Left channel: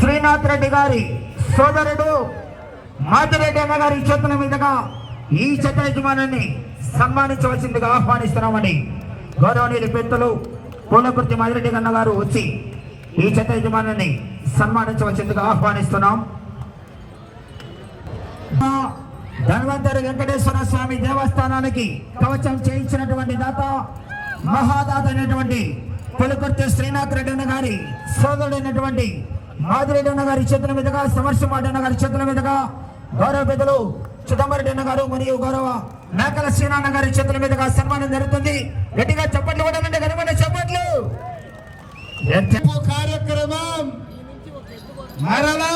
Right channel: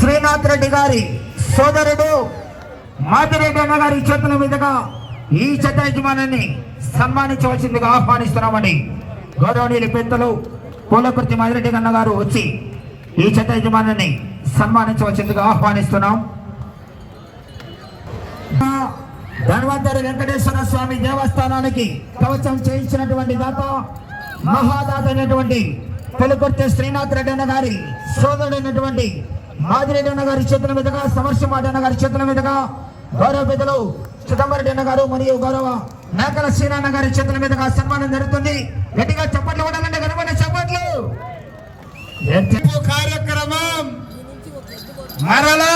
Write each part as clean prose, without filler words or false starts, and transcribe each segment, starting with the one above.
శ్రీనాథ్ రెడ్డి గారి సోదరుడు మాదిరెడ్డి అన్న గారి చేతుల మీదుగా ఈ జత యజమానాన్ని సన్మానించవలసిందిగా ఆహ్వానిస్తున్నామని గౌరవనీయులు పెద్దలు పూలకుర్తి మాదిరెడ్డి అన్న గారు వచ్చి ఈ జత యజమానాన్ని సన్మానించవలసిందిగా ఆహ్వానిస్తున్నాం. ధన్వంతరి వెంకటేశ్వర స్వామి దేవస్థానానికి కవచం చేయించినటువంటి దాత మహాదాత అయినటువంటి పూలకుర్తి శ్రీనాథ్ రెడ్డి అన్న గారి సోదరుడైనటువంటి మాదిరెడ్డి అన్న గారి చేతుల మీదుగా సమర్శమాడి అన్న గారి చేతుల మీదుగా గౌరవ పెద్దలు చిదంబరెడ్డి అన్న గారు మరియు గౌరవ మేకల శ్రీనాన్న గారి చేతుల మీదుగా సన్మానం జరుగుతుంది. గట్టిగా చప్పట్లు కూడా కనుగొన్న చప్పట్లు. కార్యక్రమం మరలా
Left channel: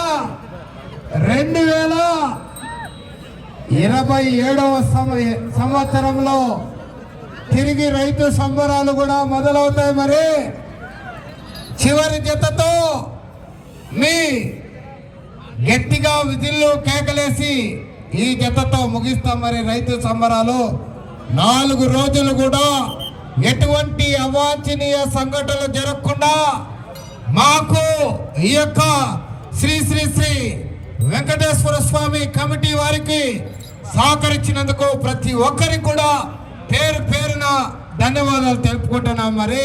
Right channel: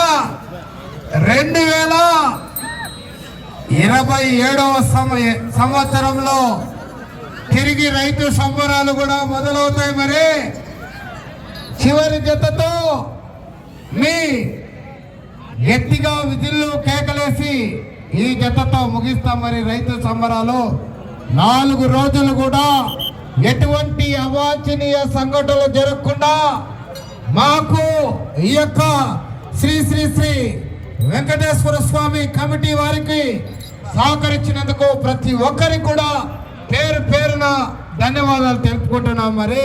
2027వ సంవత్సరంలో తిరిగి రైతు సంబరాలు కూడా మొదలవుతాయి. మరి చివరి జతతో మీ గట్టిగా విధుల్లో కేకలేసి ఈ జతతో ముగిస్తాం. మరి రైతు సంబరాలు 4 రోజులు కూడా ఎటువంటి అవాంఛనీయ సంఘటనలు జరగకుండా మాకు ఈ యొక్క శ్రీ శ్రీ శ్రీ వెంకటేశ్వర స్వామి కమిటీ వారికి సహకరించినందుకు ప్రతి ఒక్కరికి కూడా పేరు పేరున ధన్యవాదాలు తెలుపుకుంటున్నాం. మరి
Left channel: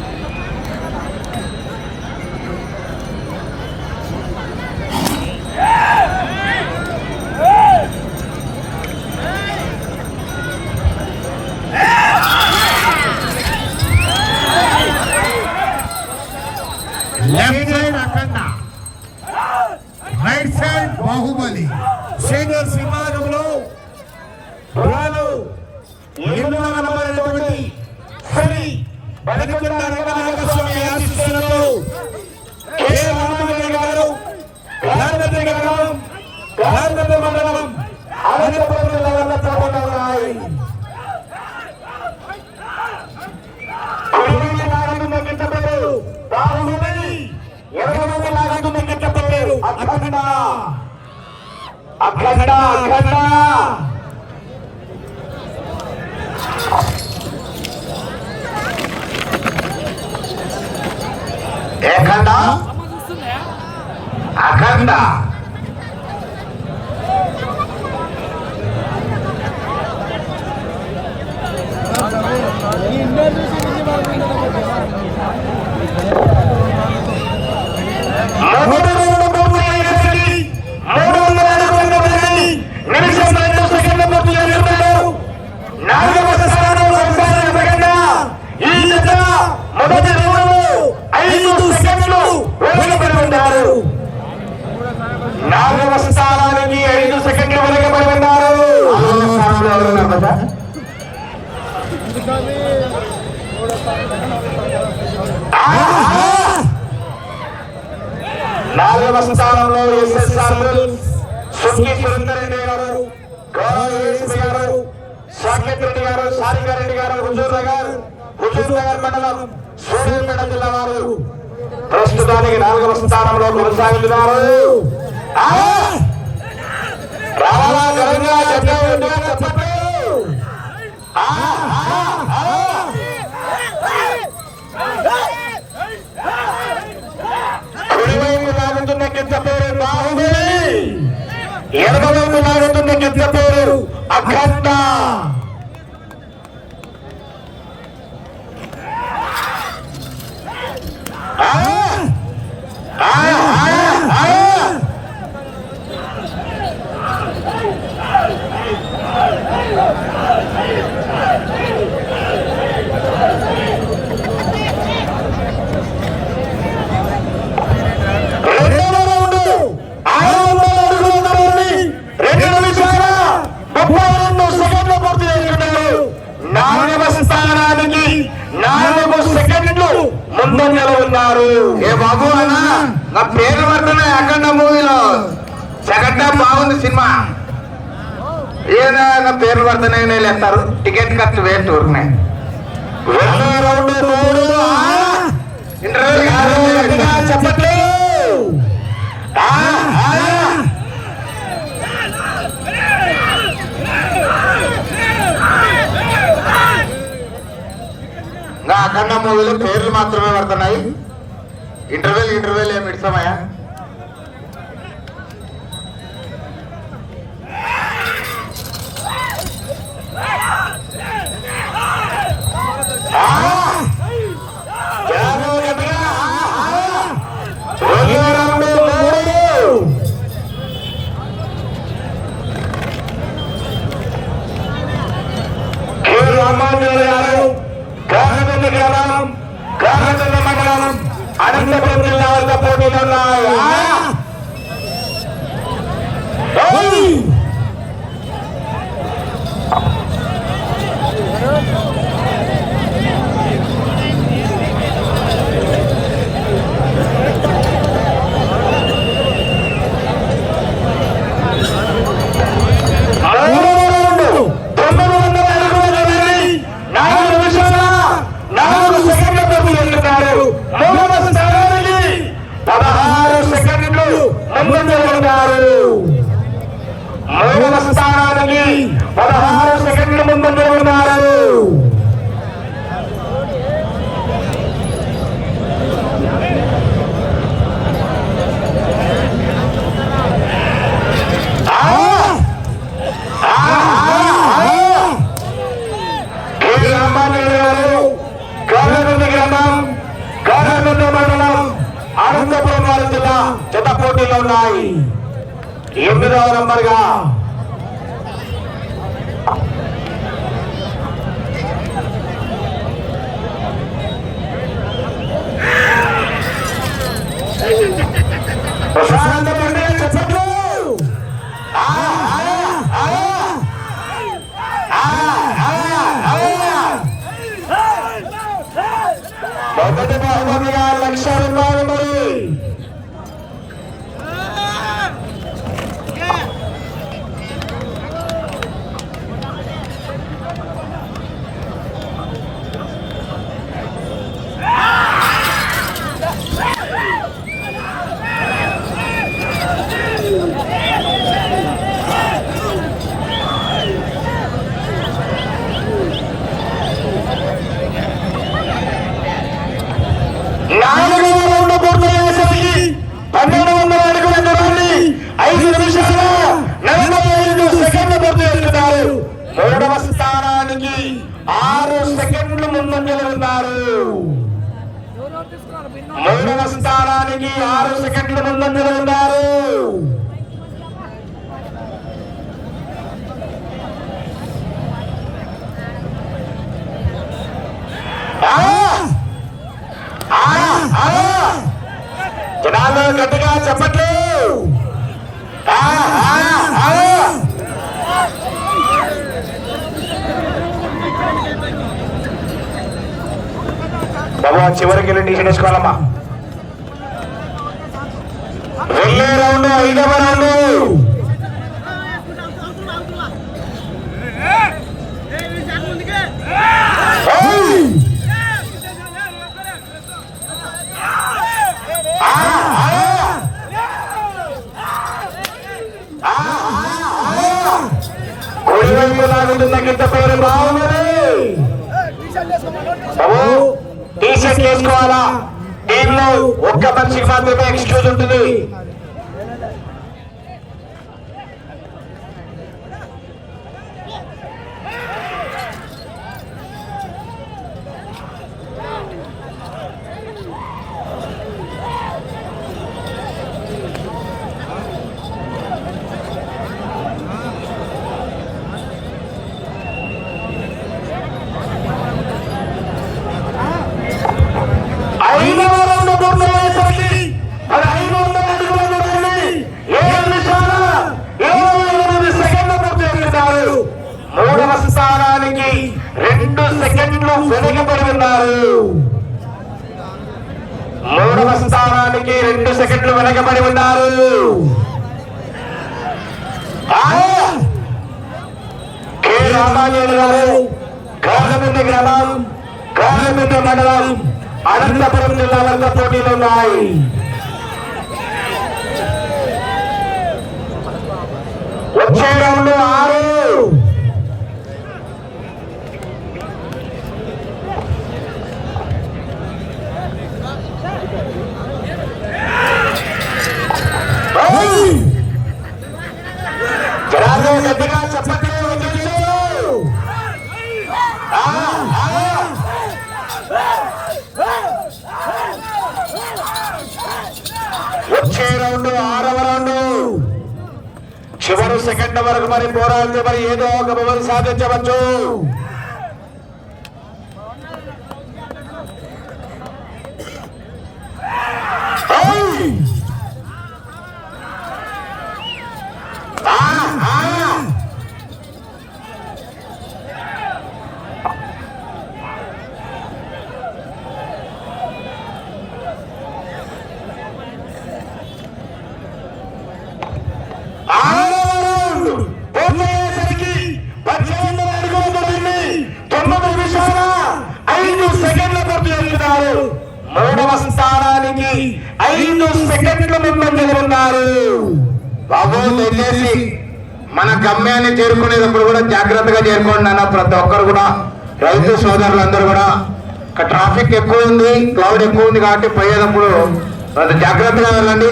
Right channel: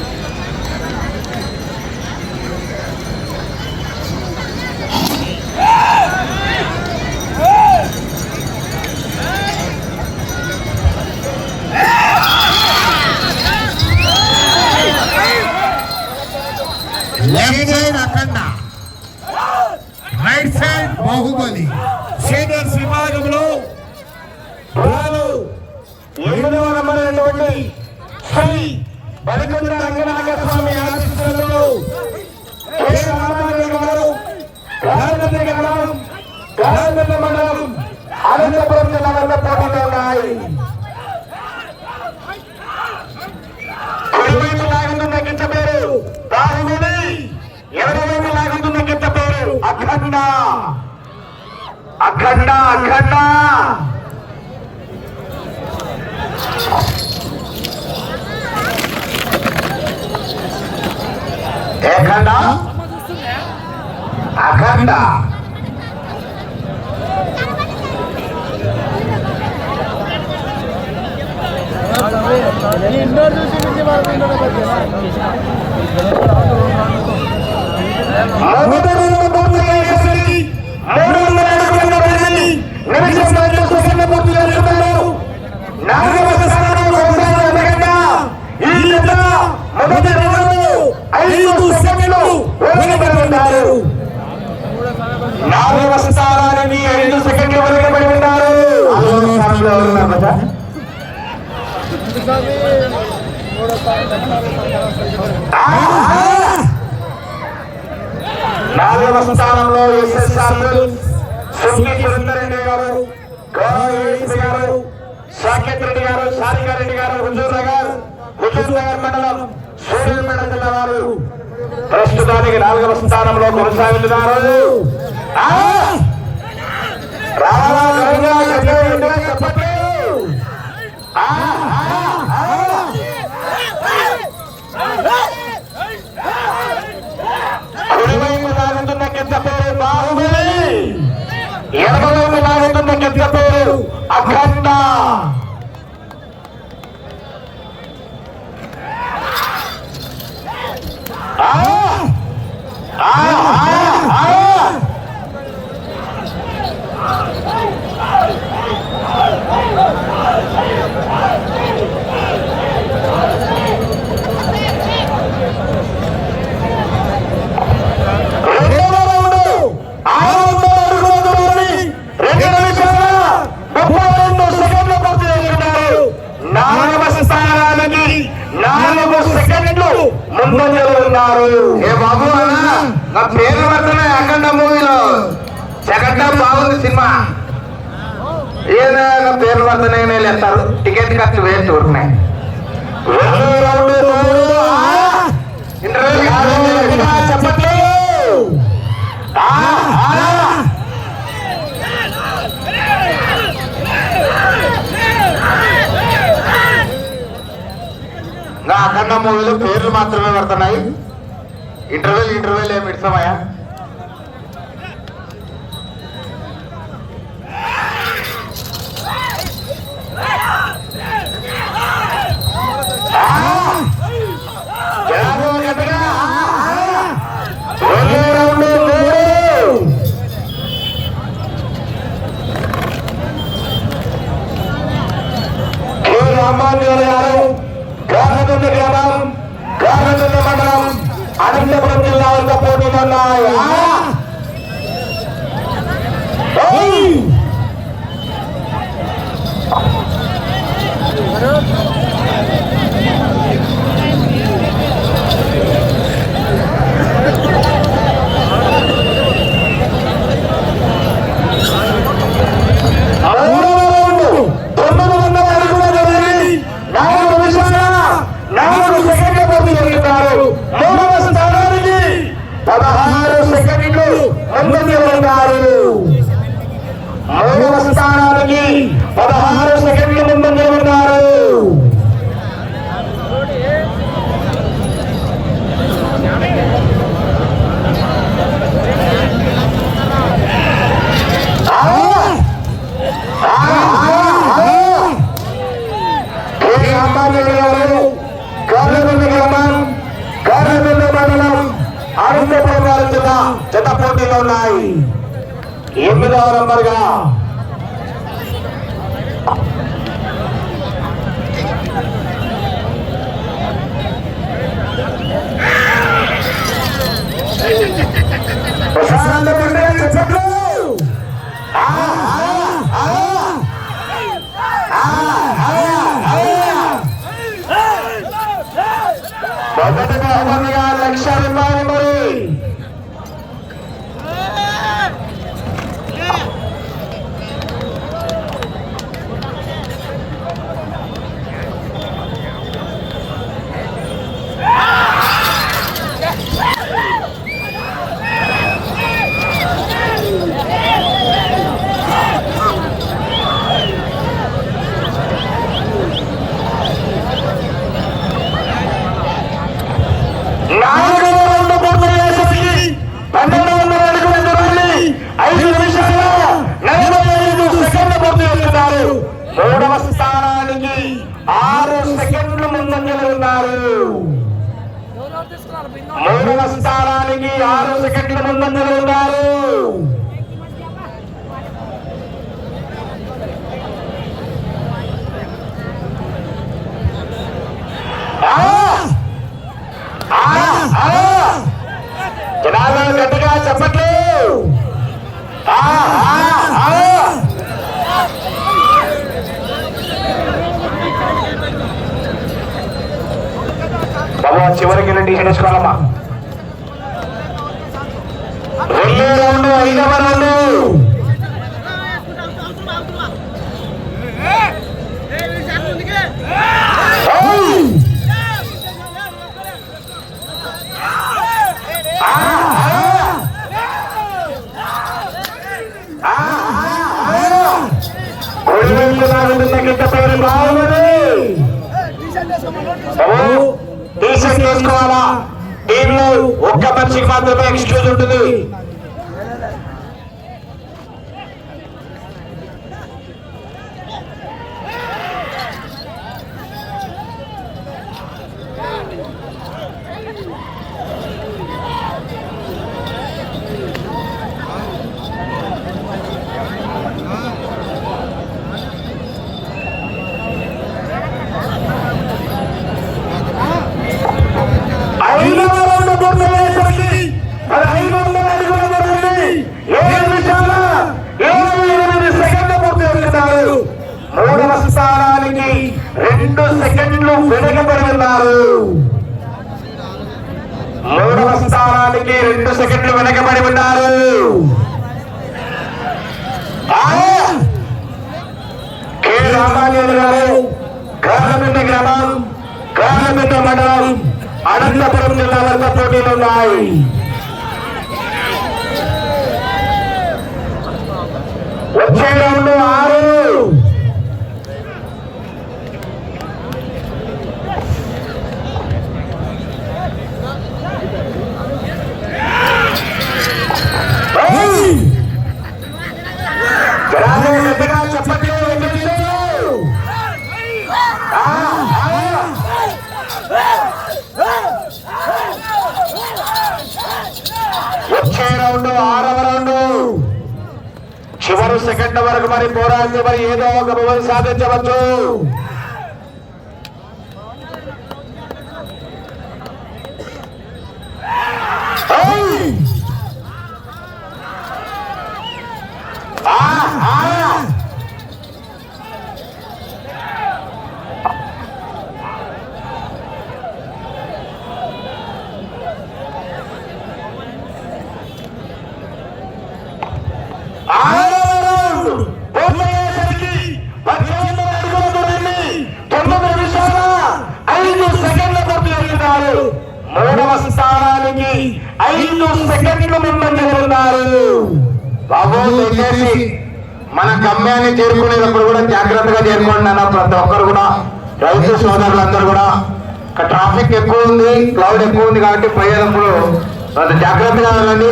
లెఫ్ట్ సైడ్ అఖండ, రైట్ సైడ్ బాహుబలి. సీనియర్స్ విభాగంలో శ్రీ బలికొండ రంగనాథ స్వామి ఆశీస్సులతో మండలం అనంతపురం జిల్లాలో పోటీలో ఉన్నాయి. గిట్ట పేరు బాహుబలి, 20 లాగుతున్న గిట్ట పేరు అఖండ. అఖండ అఖండ అఖండ అఖండ స్థానానికి 5 సెకండ్లు వెనుకబడి ఉన్నారు. 4వ స్థానంలో సున్ని సురేందరెడ్డి గారు, గౌరవ గారు, సాకేత్ రెడ్డి గారు, సారిగారెడ్డి గారు, హుజూర్ నగర్ మండలం సూర్యాపేట జిల్లా వారు ప్రస్తుతానికి 4వ స్థానంలో కొనసాగుతున్నారు. రావాలా గరంగా చెప్పండి. లాగుతున్న కింద పేరు బాహుబలి, 20 లాగుతున్న కింద పేరు అఖండ. ఏ బాబు నా పేరు పడుతున్నాయి అఖండ మూవీలో సెకండ్ హాఫ్ బాగుంది సినిమా. ఏదైనా పేరు పడుతున్నాయి వెళ్తారు, టికెట్ ఖర్చు వేస్ట్ ఉంటున్నాయి. అఖండ మూవీలో పేర్లు మాత్రమే పడుతున్నాయి. ఇంటర్వెల్ ఏమి ఇస్తామయ్యా? ముందంజలో ఉన్నారు. మూడవ స్థానానికి 16 సెకండ్లు ముందంజలో ఉన్నారు. జత పోటీలో ఉన్నాయి. 8వ నంబర్గా ప్రసాదంలో ఉండే చెప్పట్లు లక్ష్యాలు మరి మూడవ స్థానానికి 6 సెకండ్లు ముందంజలో ఉన్నారు. 3వ స్థానానికి 6 సెకండ్లు ముందంజలో ఉన్నారు. జనాలు గట్టిగా చెప్పట్లు. బాబా చివరికి వెళ్ళి టీషర్ట్ వేసుకోవాలమ్మా. 2 రౌండ్ 5వ రౌండ్. టీషర్ట్ వేసుకోవాలా. టీంలో ఒక్క మనిషి మాత్రమే ఎక్స్క్యూజ్ ఉంటుంది. మూడవ స్థానానికి 2 సెకండ్లు వెనుకబడి ఉన్నారు. 3వ స్థానానికి 2 సెకండ్లు వెనుకబడి ఉన్నారు. కాలమిట గ్రామం, కాలమిట మండలం, అనంతపురం జిల్లాలో పోటీలు ఉన్నాయి. వచ్చే రౌండ్ 6. గట్టిగా చెప్పట్లు. వచ్చే రౌండ్ 6వ రౌండ్. చివరి సెకండ్ వరకు మరి పోరాడితే మరి ఏదో ఒక బహుమతి సాధించవచ్చు. దయచేసి మన గమ్యాన్ని చేరుకునేటప్పుడు కూడా జాగ్రత్తగా చేరుకోండి అన్న ప్రతి ఒక్కరు కూడా రైతు సోదరులందరూ కూడా ట్రాఫిక్ ఎక్కువ ఉంది, క్లౌడ్ ఎక్కువ ఉంది కాబట్టి పోయేటప్పుడు అది జాగ్రత్తగా వెళ్ళండి.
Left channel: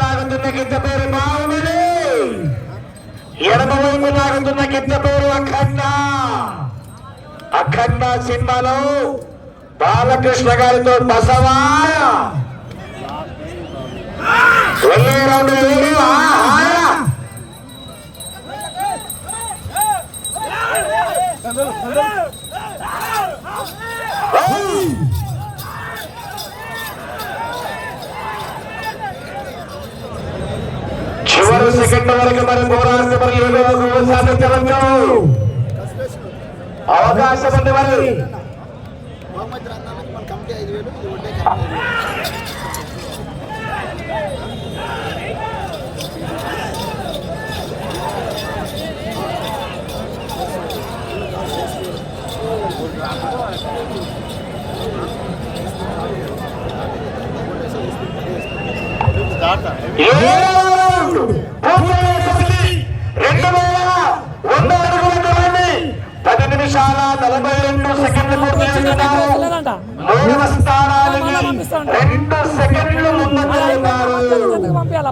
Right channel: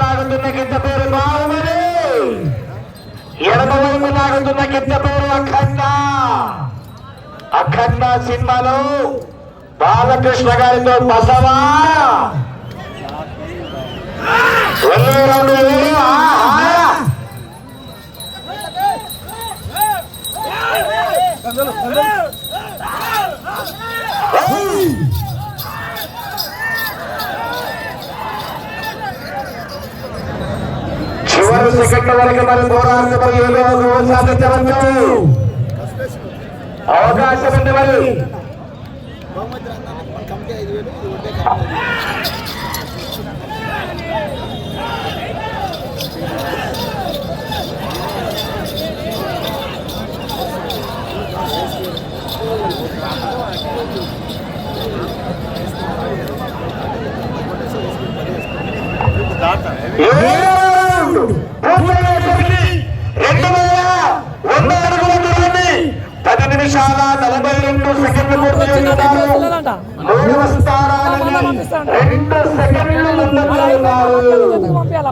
లాగుతున్న గిద్ద పేరు బాగుంది, ఎడమవైపు లాగుతున్న గిద్ద పేరు అఖండ. అఖండ సినిమాలో బాలకృష్ణ గారితో బసవా చివరి సెకండ్ వరకు మరి పోరాడు, మరి ఏదో సాధించవచ్చు అవకాశం ఉంది. మరి మన కమిటీ 5,000 ఇది ఒడ్డే కమిటీ.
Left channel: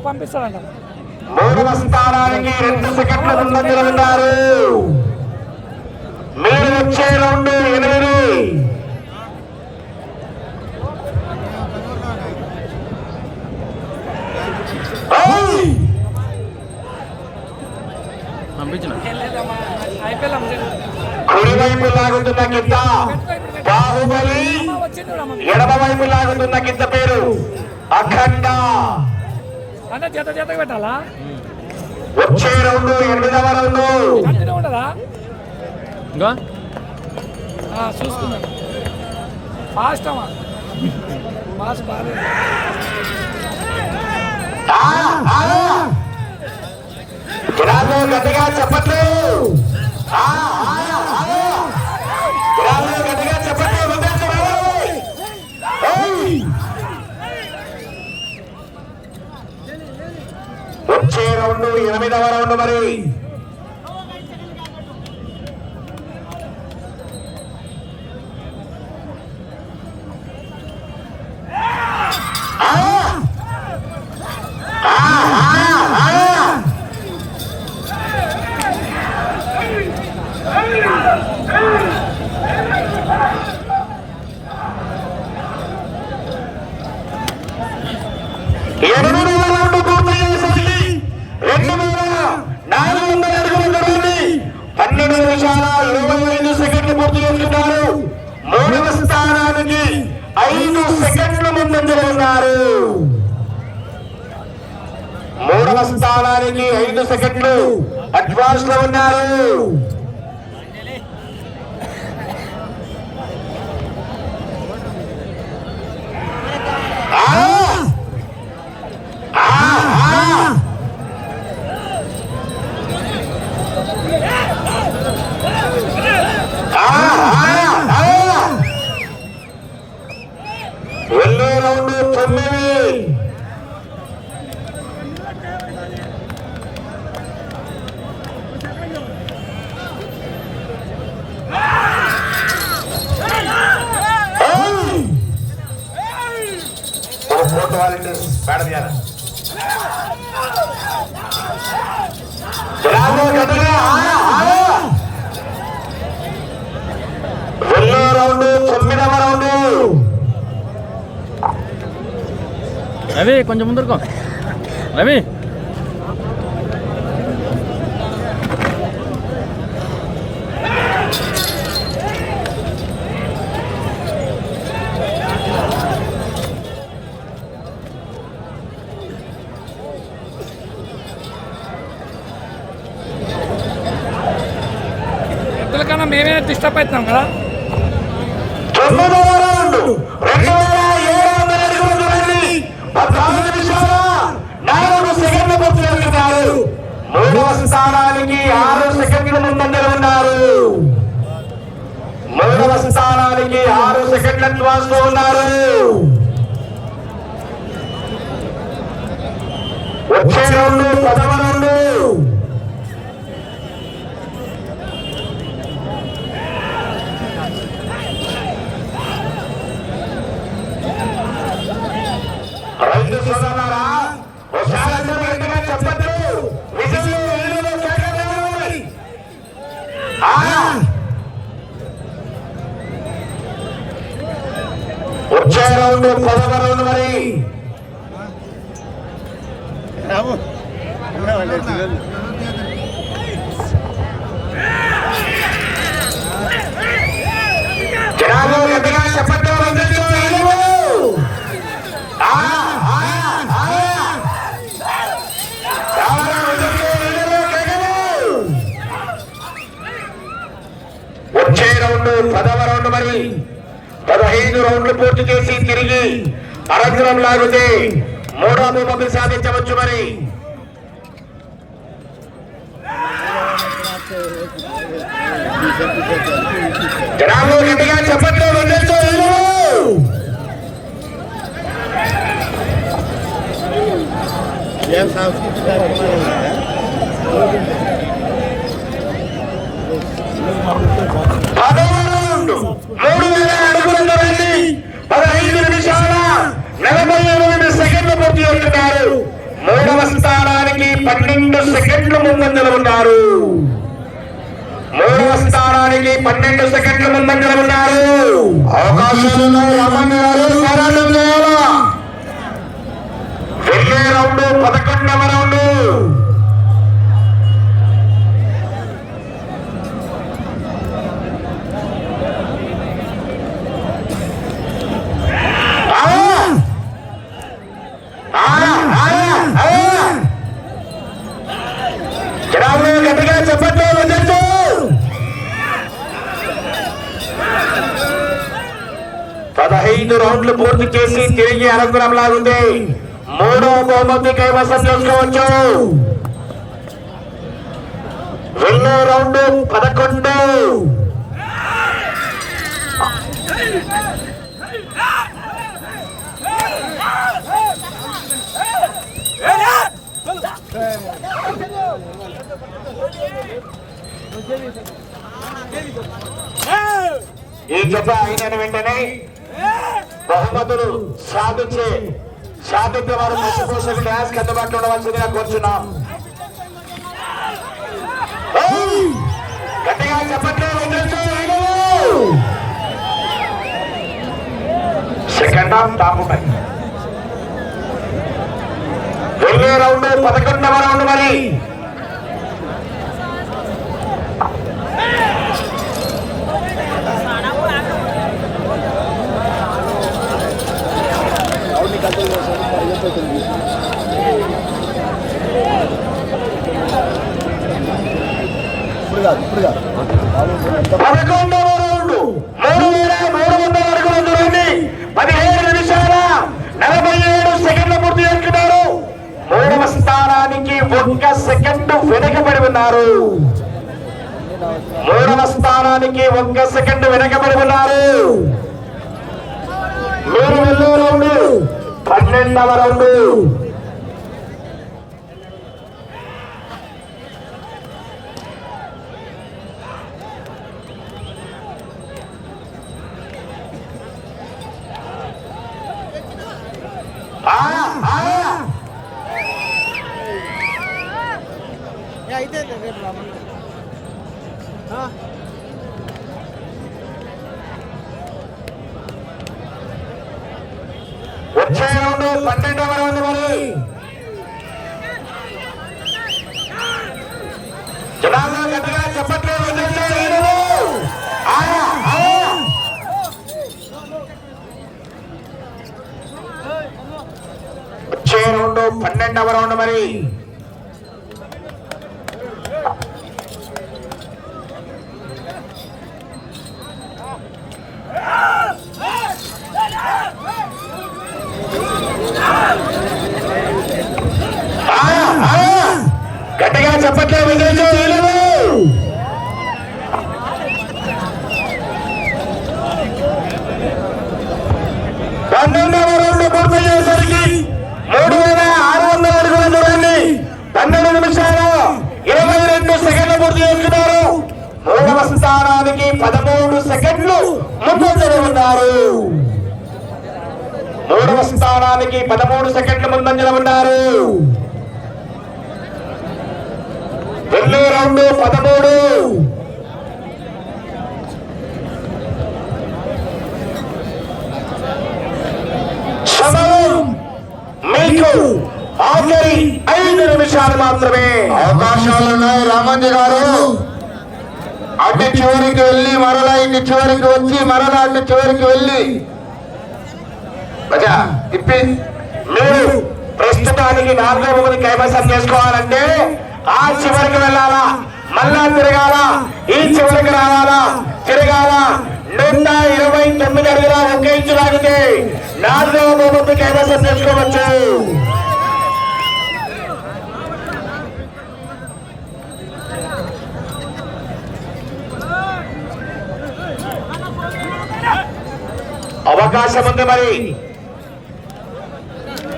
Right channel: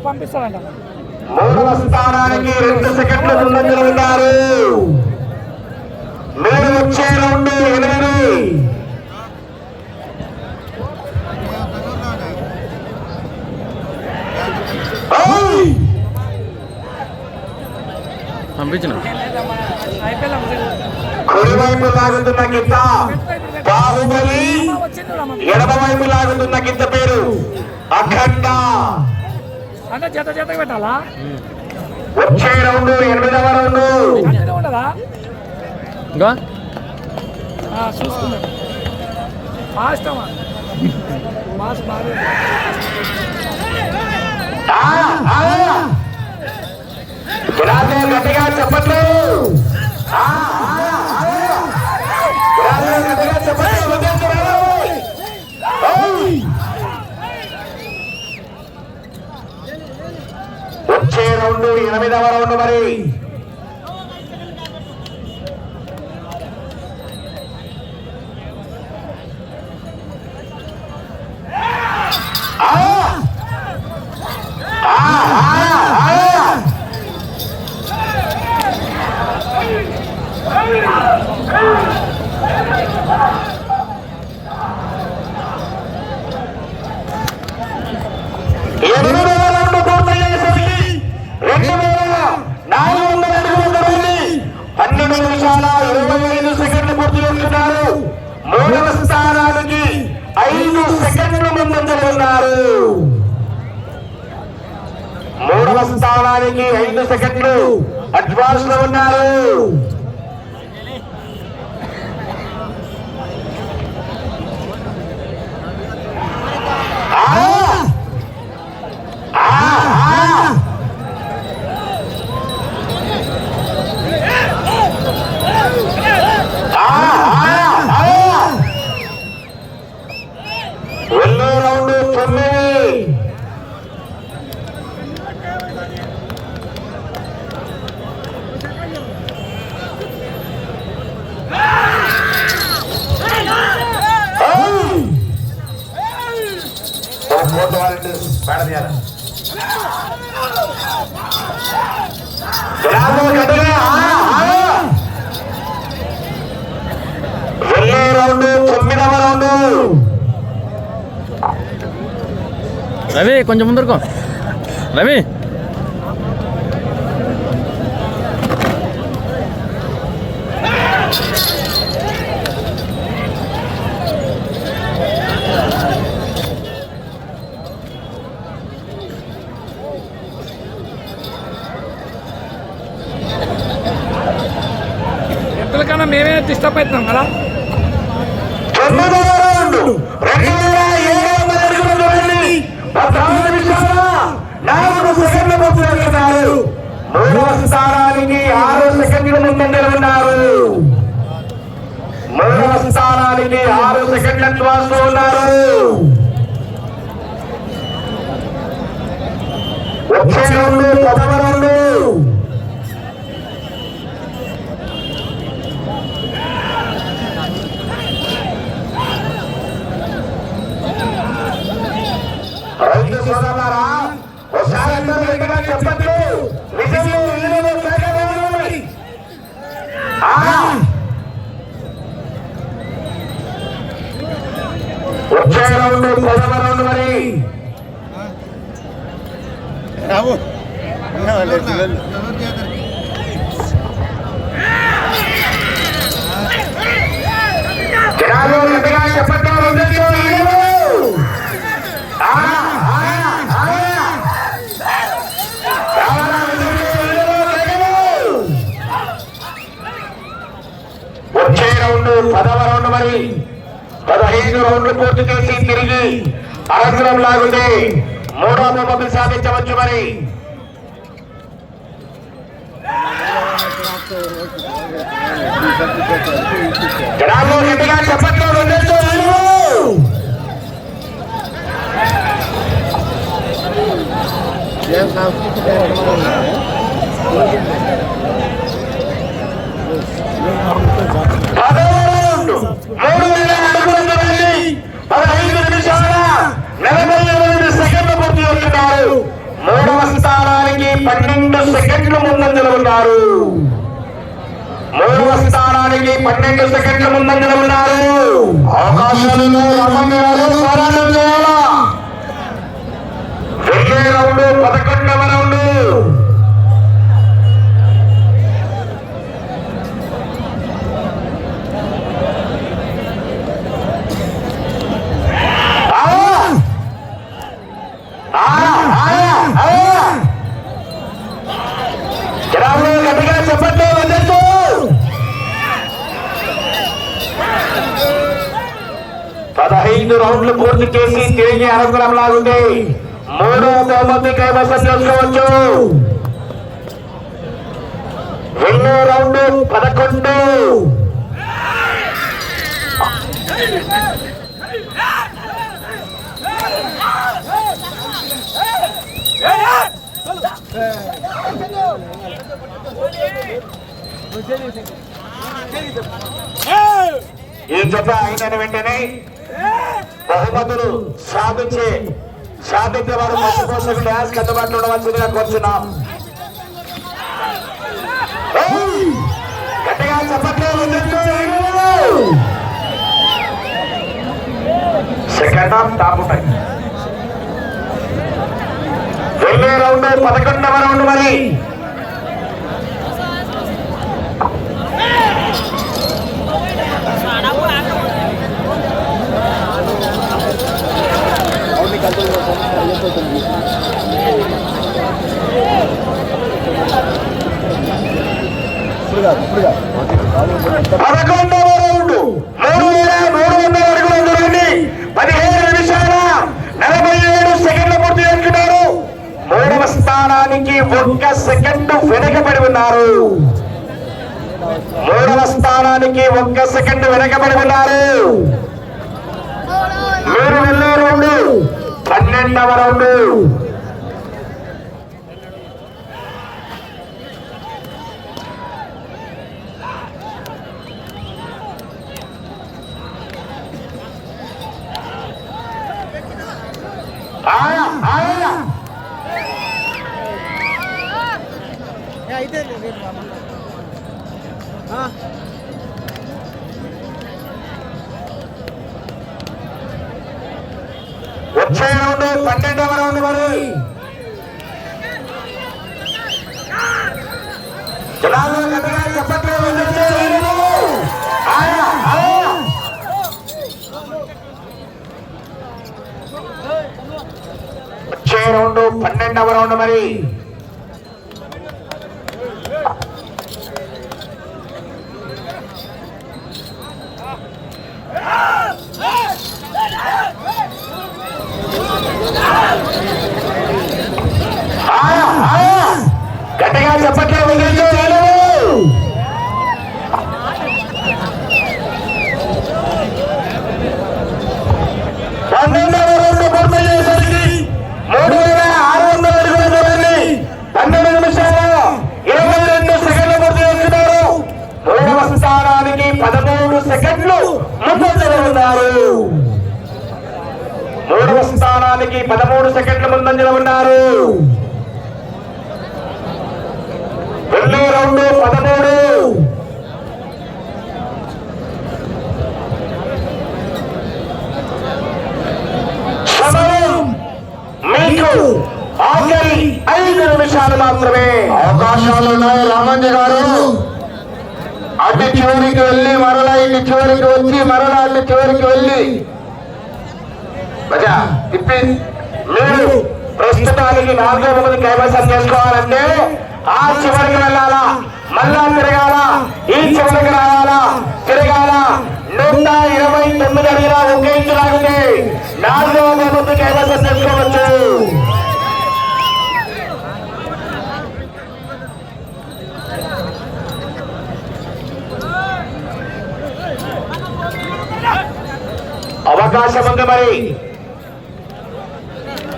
పంపిస్తారంట. 3వ స్థానానికి 2 సెకండ్ల ముందంజలో ఉన్నారు. మీరు వచ్చే 2-8 పంపించిన కుడివైపు లాగుతున్న గిద్ద బాహుబలి, ఎడమవైపు లాగుతున్న గిద్ద పేరు అఖండ. అంటే జత జత పెట్టాలా? వచ్చే 8వ రౌండ్ ఉండదా? చూసుకున్నాడు ఫాస్ట్ అమ్మా, ఫాస్ట్ బాగా. గట్టిగా చెప్పట్లు, గట్టిగా చెప్పట్లు. వచ్చే 8వ రౌండ్ మరి స్థానానికి 5 సెకండ్లు అడ్వాన్స్ లో ఉన్నారు. వెళ్ళే రౌండ్ 9. వెళ్ళే రౌండ్ 9వ రౌండ్. రవి కొంచెం ముందరుకో రవి. కన్నా మేమే డిస్టర్బ్ అవుతున్నాం కదా. 9వ రౌండ్ 2,700 అడుగుల దూరాన్ని 14 నిమిషాల 4 సెకండ్ల పూర్తి చేస్తున్నారు. 3వ స్థానానికి 6 సెకండ్ల ముందంజలో ఉన్నారు. 3వ స్థానానికి 6 సెకండ్లకు వస్తూ ఉన్నారు. వచ్చే రౌండ్ 10వ రౌండ్. రైతు సోదరులారా, ఒకసారి అందరూ గట్టిగా చెప్పండి. విజయంలో ఎనిమిదో స్థానంలో వచ్చే రౌండ్ 10వ రౌండ్ మరి. జనాలు గట్టిగా చెప్పండి. వచ్చే రౌండ్ 10వ రౌండ్ మరి. 15 రౌండ్లు పూర్తి చేసి తిరిగి అరంగురం లాగితే 3వ బహుమతి సాధించవచ్చు మరి. జనాలు గట్టిగా చెప్పండి. మూడవ స్థానానికి 12 సెకండ్లు ముందంజలో ఉన్నారు. 3వ స్థానానికి 12 సెకండ్లు ముందంజలో ఉన్నారు. అవకాశాలను రమణ్యాలు సారాలు చేయాలా. వెళ్ళే రౌండ్ 11వ రౌండ్. గట్టిగా చెప్పండి. 15 రౌండ్లు పూర్తి చేసి తిరిగి అనంతరం లాగుంది. 3వ బహుమతి కైవసం చేసుకోవచ్చు. వెళ్ళే రౌండ్ 11. ఈ జత అయిన వెంటనే బహుమతులు సాధించే వారు పశుపోషణ డ్యాన్స్ కట్టుబాట్లు ఉండవలసిందిగా కోరుతున్నాం. గట్టిగా చెప్పండి. సెకండ్ హాఫ్ టాప్ ఉంటాయి. వెళ్ళే రౌండ్ 11వ రౌండ్ మరి. ఇప్పుడు కాదు 11వ రౌండ్. 3,300 అడుగుల దూరాన్ని 17 నిమిషాల 47 సెకండ్లు పూర్తి చేసుకున్నారు. 3వ స్థానానికి 1 సెకండ్ వెనకబడి ఉన్నారు. 3వ స్థానానికి 1 సెకండ్ వెనకబడి ఉన్నారు. మీరు వెళ్ళే రౌండ్ 12వ రౌండ్. అయితే వచ్చే రౌండ్ 12వ రౌండ్ మరి. జనాలు గట్టిగా చెప్పట్లు. వచ్చే రౌండ్ 12వ రౌండ్ మరి. గట్టిగా చెప్పట్లేదు. ప్రస్తుతానికి 13 సెకండ్ల ముందంజలో ఉన్నారు. రెండో రౌండ్ 13. సమయం మీకు ఆఖరి 5 నిమిషాలు మాత్రమే అవకాశాలను. రామంజీ గారు అటు చివరికి వెళ్ళి మరలా ఇటు చివరికి వచ్చి మరలా అటు చివరికి వెళ్ళి తిప్పి మీరు ప్రస్తుతానికి 4వ బహుమతి కైవసం చేసుకోవాలంటే ఆ చివరికి వెళ్ళాలా, మళ్ళా తిరగాల, ఈ చివరికి రావాలా, తిరగాల. 129 అడుగుల 1 ఇంచు లాగితే 4వ బహుమతి కైవసం చేసుకోవచ్చు. అవకాశం ఉంది మరి.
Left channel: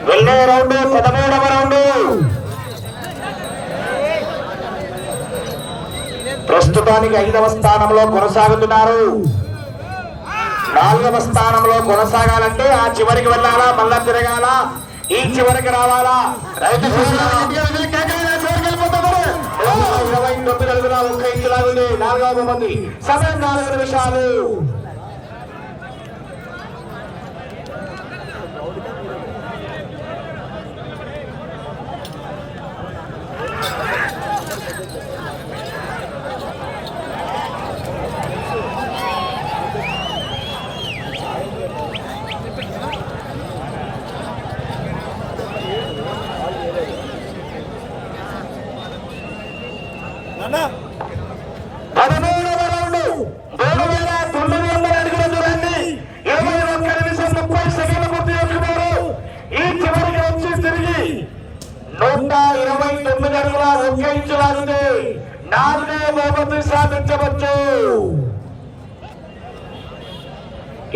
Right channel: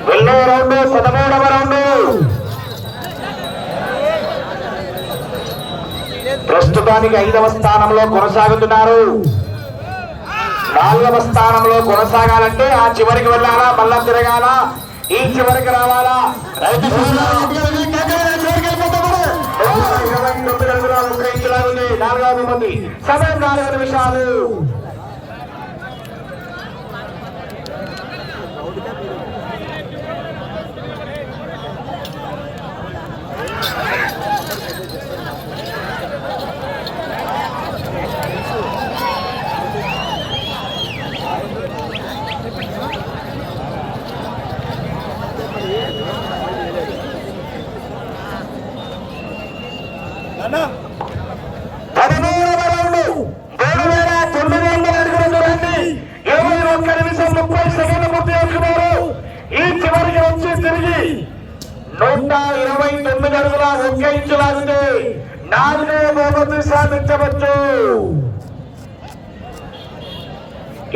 వెళ్ళే రౌండ్ 13వ రౌండ్. ప్రస్తుతానికి 5వ స్థానంలో కొనసాగుతున్నారు. 4వ స్థానంలో కొనసాగాలంటే ఆ చివరికి వెళ్ళాలా, మళ్ళా తిరగాల, ఈ చివరికి రావాలా. 29 అడుగుల 1 ఇంచు లాగుంది 4వ బహుమతి. సమయం 4 నిమిషాలు. ఈ చివరికి వచ్చి తిరిగి 129 అడుగుల 1 ఇంచు లాగితే 4వ బహుమతి సాధించవచ్చు.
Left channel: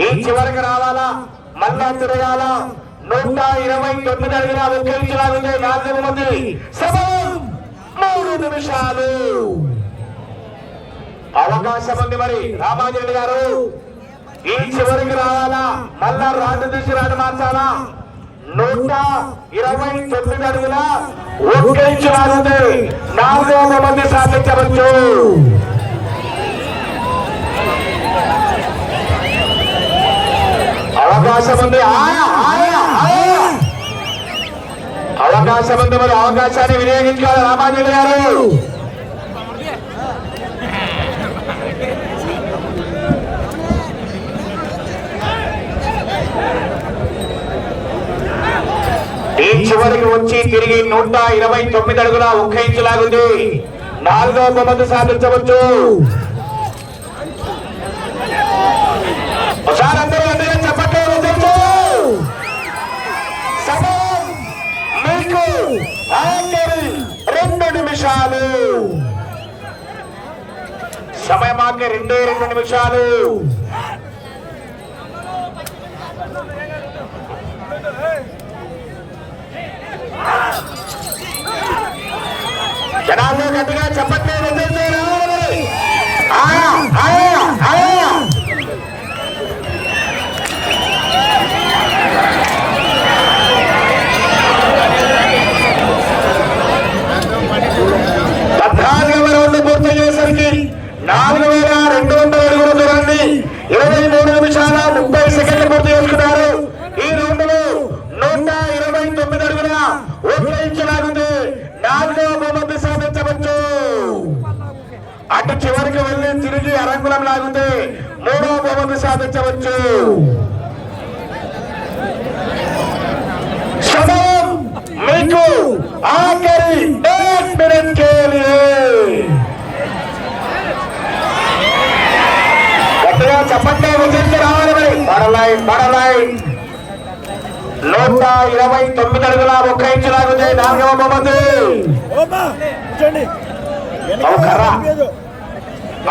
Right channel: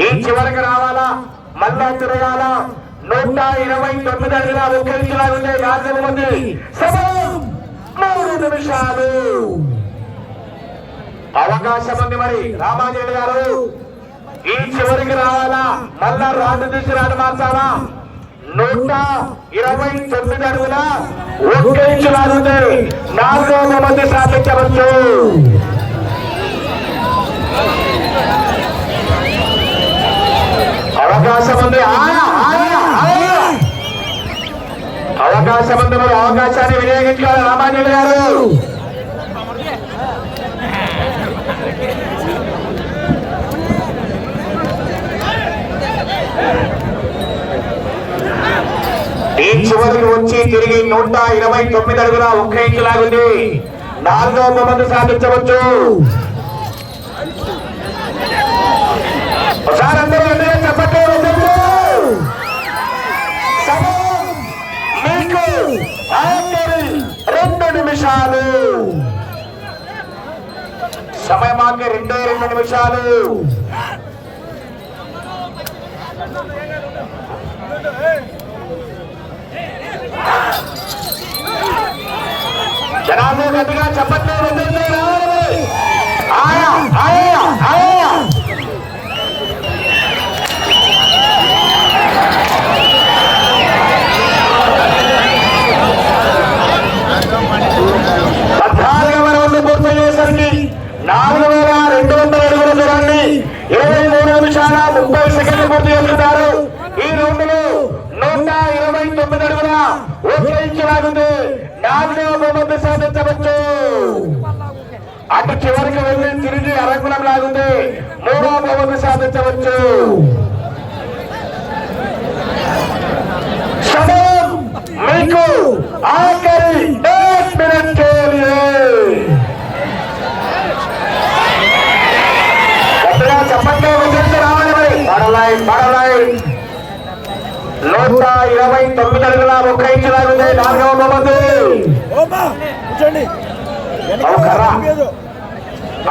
ఈ చివరికి రావాలా, మళ్ళా తిరగాల. 129 అడుగుల 1 ఇంచు లాగితే 4వ బహుమతి. సమయం 3 నిమిషాలు. అవకాశం ఉంది మరి. రామాజీ గారు ఈ చివరికి రావాలా, మళ్ళా రాజు దిశరాడు మార్చాలా. 129 అడుగుల 1 ఇంచు లాగితే 4వ బహుమతి సాధించవచ్చు. అవకాశం ఉంది. అవకాశం ఉంది మరి. అవకాశాన్ని వినియోగించాలి రామాజీ గారు. ఈ చివరికి వచ్చి తిరిగి 129 అడుగుల 1 ఇంచు లాగుంది 4వ బహుమతి సాధించవచ్చు. ఒకసారి అందరూ అందరూ చెప్పట్లేదు. సమయం మీకు ఆఖరి 2 నిమిషాలు. సమయం ఆఖరి 2 నిమిషాలు. జనాలు గట్టిగా చెప్పట్లేదు. పూర్తి చేసరికి 4,200 అడుగుల దూరాన్ని 23 నిమిషాల 30 సెకండ్లు పూర్తి చేసుకున్నారు. ఈ రౌండ్లో 129 అడుగుల 1 ఇంచు లాగితే 4వ బహుమతి సాధించవచ్చు. అటు చివరికి వెళ్ళి తిరిగి అరంగులం లాగితే 3వ బహుమతి సాధించవచ్చు. సమయం మీకు ఆఖరి 1 మినిట్ చెప్పండి. పడలాయి 129 అడుగుల 1 ఇంచు లాగితే 4వ బహుమతి.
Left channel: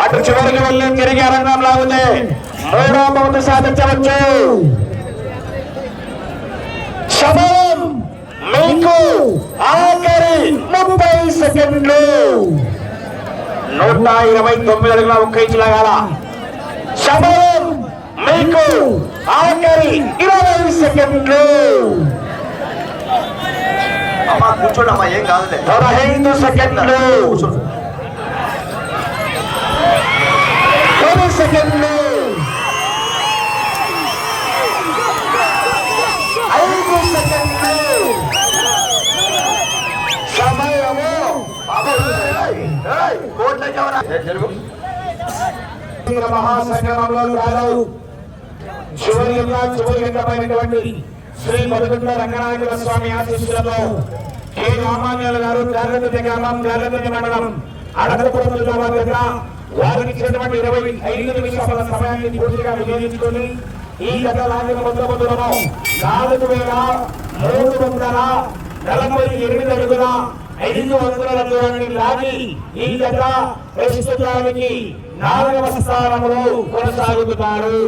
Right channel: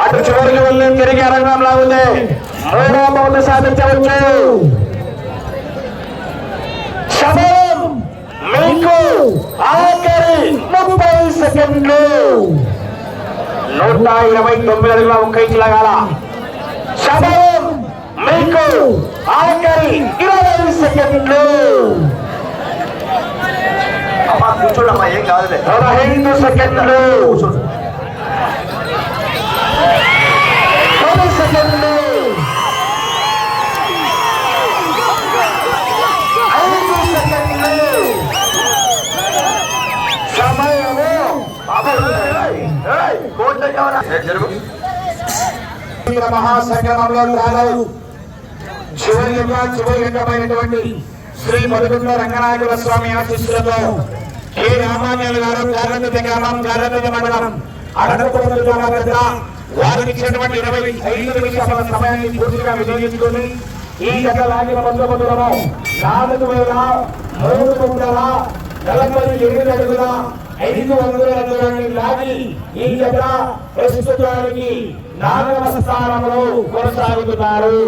అటు చివరికి వెళ్ళి తిరిగి అరంగం లాగితే 3వ బహుమతి సాధించవచ్చు. సమయం మీకు ఆఖరి 30 సెకండ్లు. 129 అడుగుల 1 ఇంచు లాగాల. సమయం మీకు ఆఖరి 20 సెకండ్లు. కూర్చోడమ్మా ఏం కాదులే 15 సెకండ్లు 10 సెకండ్లు 5 సెకండ్లు సమయము జరుగు మహాసంగమంలో కాదు చివరిమైనటువంటి శ్రీ పదుగుంట్ల రంగనాయకుల స్వామి ఆశీస్సులతో కె రామారాయణ గారు జాగ్రత్త గ్రామం జాగ్రత్త మండలం అడగ వారికి ఇచ్చినటువంటి 25 నిమిషాల సమయాన్ని పూర్తిగా వినియోగించుకొని ఈ జత లాగిన మొత్తం దూరము 4,348 అడుగుల 500 దూరాన్ని లాగి ఈ జత ప్రస్తుతానికి 4వ స్థానంలో కొనసాగుతున్నారు.